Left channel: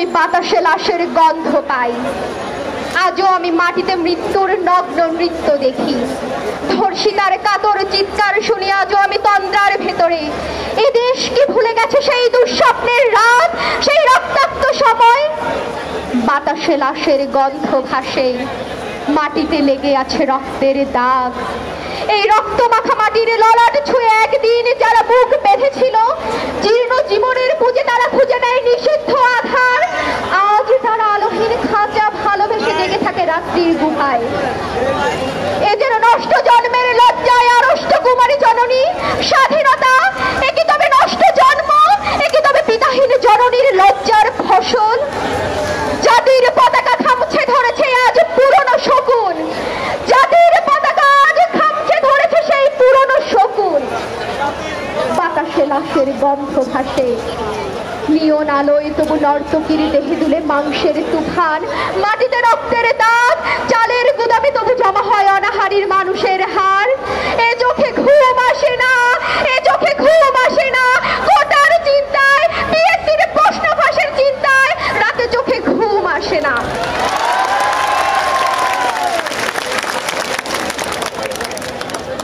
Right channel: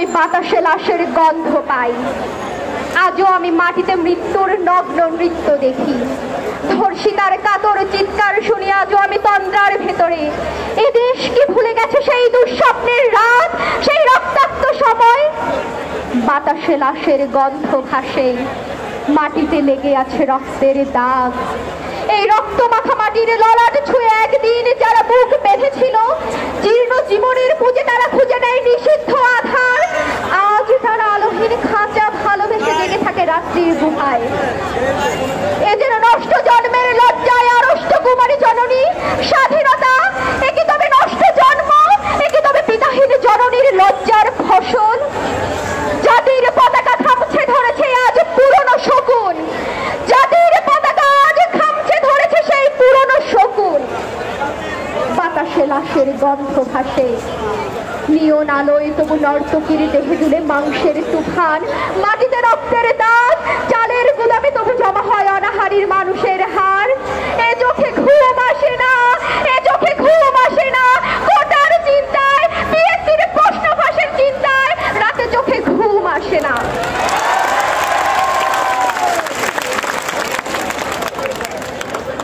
আমি বাতাসে লাশের গন্ধ পাই, আজও আমি মাটিতে মৃত্যুর নগ্ন নৃত্য দেখি। ধর্ষিতার কাতর চিৎকার শুনি আজও আমি তন্দ্রার ভেতরে। এ দেশ কি ভুলে গেছে সেই দুঃস্বপ্নের রাত, সেই রক্তাক্ত সময়? বাতাসে লাশের গন্ধ ভাসে, মাটিতে লেগে আছে রক্তের দাগ। এই রক্ত মাখা মাটির ললাট ছুঁয়ে একদিন যারা বুক বেঁধেছিল, জীর্ণ জীবনের পুঁজে তারা খুঁজে নেয় নিষিদ্ধ আধার। আজ তারা আলোহীন খাঁচা ভালোবেসে জেগে থাকে রাত্রির গুহায়। এ যেন নষ্ট জন্মের লজ্জায় আড়ষ্ট কুমারী জননী। স্বাধীনতা একে তবে নষ্ট জন্ম, একে তবে পিতাহীন জননীর লজ্জার ফসল। জাতির পতাকা খামছে ধরেছে আজ পুরনো শকুন, জাতির পতাকা আজ খামছে ধরেছে সেই পুরনো শকুন। বাতাসে লাশের গন্ধ ভাসে, নিয়ন আলোয় তবু নর্তকীর দেহে দুলে মাংসের তুফান। মাটিতে